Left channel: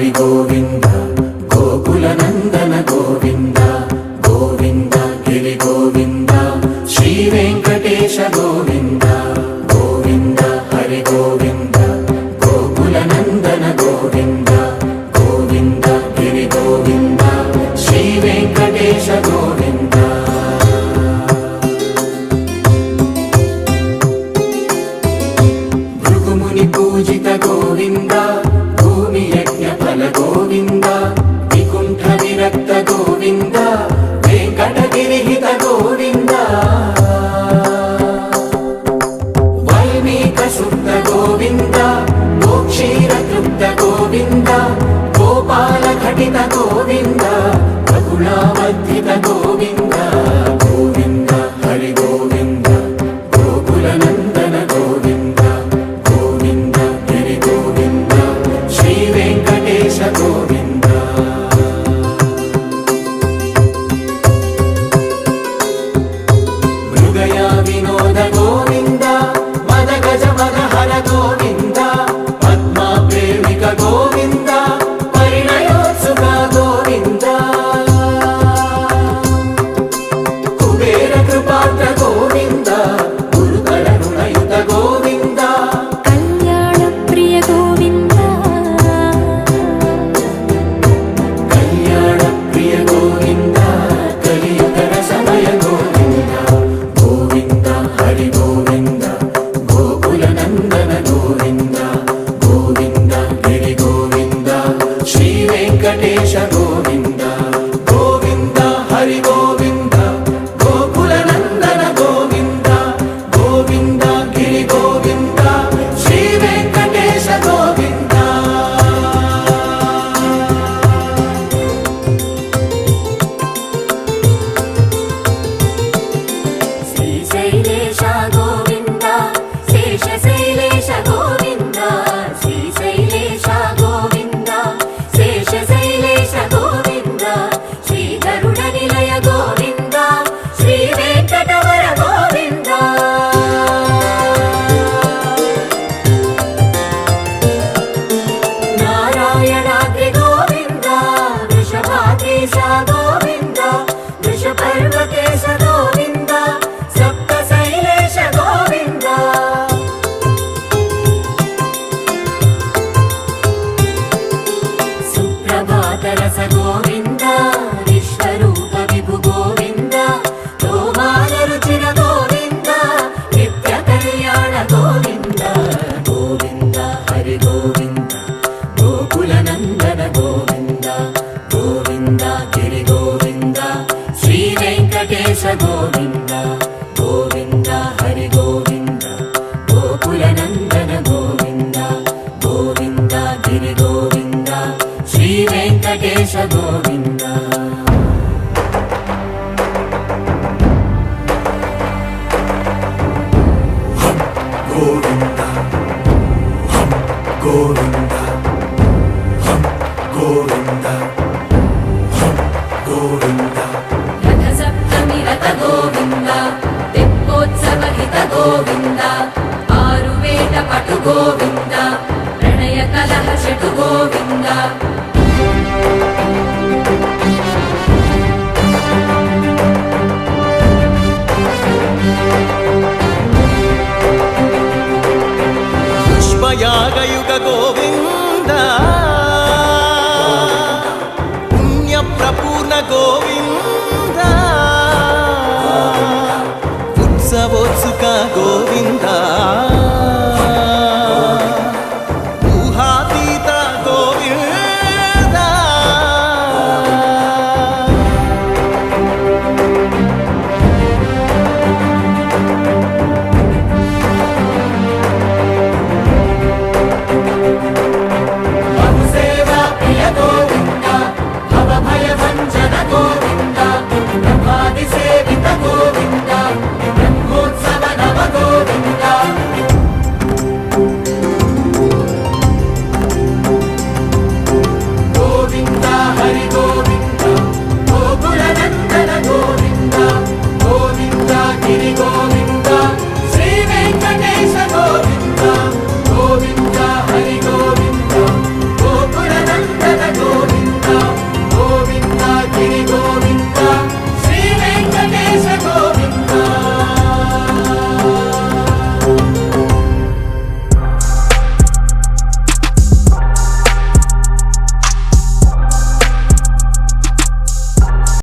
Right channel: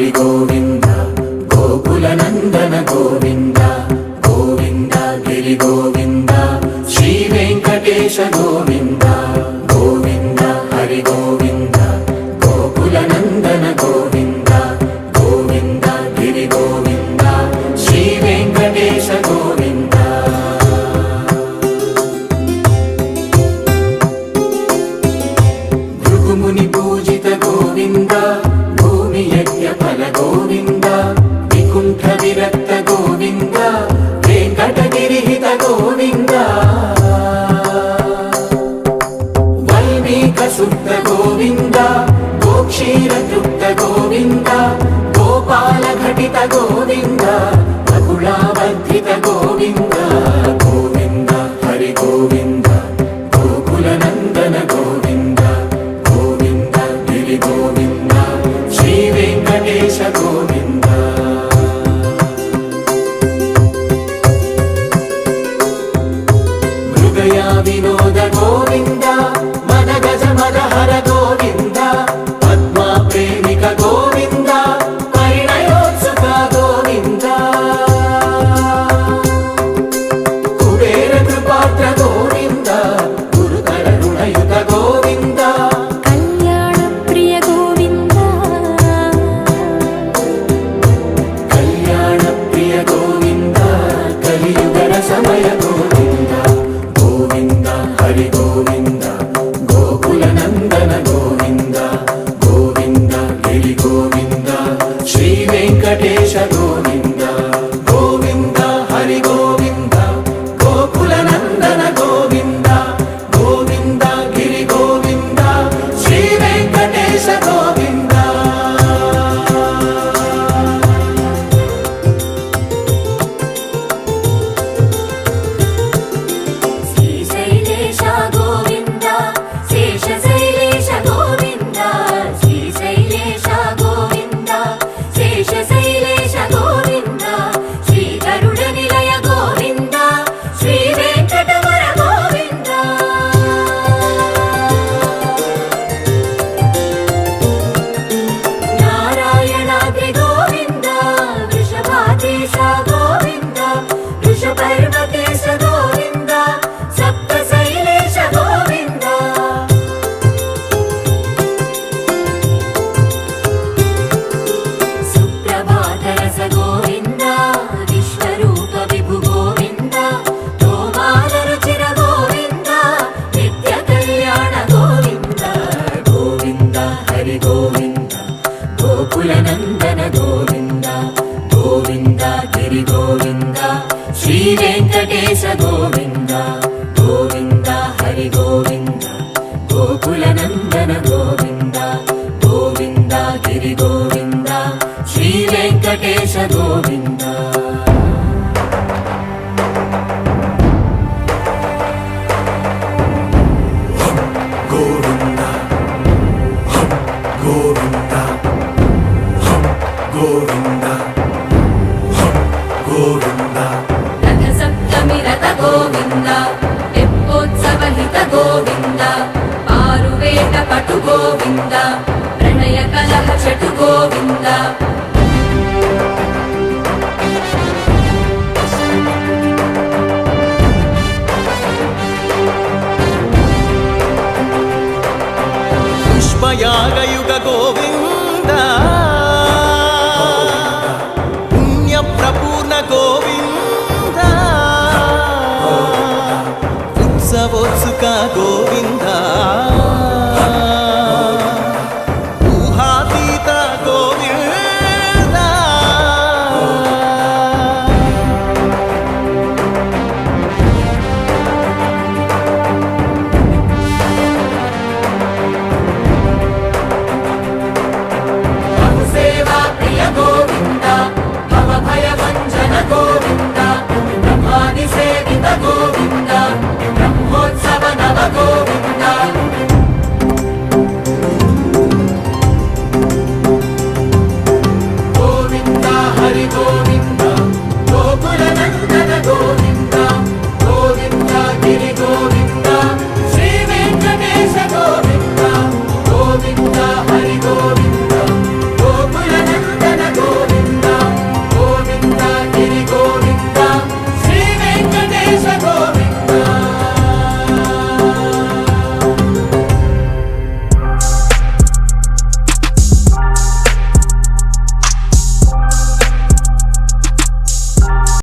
హరి గోవింద గోకుల నందన గోవింద గోవింద గిరి గోవింద శ్రీ వెంకటేశ గోవింద గోవింద హరి గోవింద గోకుల నందన గోవింద గోవింద గిరి గోవింద శ్రీ వెంకటేశ గోవింద భృగుముని పూజిత గోవింద భూమి యజ్ఞ ఫల గోవింద వికుంఠ విరక్త గోవింద వెంకటగిరిహిత గోవింద వల్మీక శుద్ధ గోవింద గోక్షీర తృప్త గోవింద గోపాల ఘటిత గోవింద బహుళావర్ధిత గోవింద గోవింద హరి గోవింద గోకుల నందన గోవింద గోవింద గిరి గోవింద శ్రీ వెంకటేశ గోవింద మృగయా వినోద గోవింద మద గజ మద హర గోవింద పద్మా ప్రేమిక గోవింద పరిణయోత్సుక గోవింద కుబేర కృపాత్ర గోవింద గురుతర రుణయుత గోవింద కళ్యాణ ప్రియ గోవింద కళ్యాణ ప్రియ గోవింద కలియుగ రసమయ గోవింద గోవింద హరి గోవింద గోకుల నందన గోవింద గోవింద గిరి గోవింద శ్రీ వెంకటేశ గోవింద గోవింద హరి గోవింద గోకుల నందన గోవింద గోవింద గిరి గోవింద శ్రీ వెంకటేశ గోవింద శ్రీశైలేశ గోవింద శేషశైలేశ గోవింద శ్రీశైలేశ గోవింద శేషశైలేశ గోవింద శ్రీ గరుడ నిలయ గోవింద శ్రీ వెంకటవర గోవింద నారాయణాద్రి గోవింద వృషభాద్రీశ గోవింద వృషపర్వతేశ గోవింద సప్తశైలేశ గోవింద సుప్రభాతరస గోవింద విశ్వరూప విభు గోవింద గోమాల రుచిర గోవింద నిత్య కళ్యాణ గోవింద గోవింద హరి గోవింద గోకుల నందన గోవింద గోవింద గిరి గోవింద శ్రీ వెంకటేశ గోవింద గోవింద హరి గోవింద గోకుల నందన గోవింద గోవింద గిరి గోవింద శ్రీ వెంకటేశ గోవింద గోవింద గోవింద గోవింద గోవింద రథ సప్తమి రథ గోవింద తెప్పోత్సవ హిత గోవింద ఆరువేట పటు గోవింద ప్రణయ కలహ షటు గోవింద పుష్పయాగయుగ గోవింద పుణ్య ప్రపూర్ణ గోవింద ఉత్సవోత్సుక గోవింద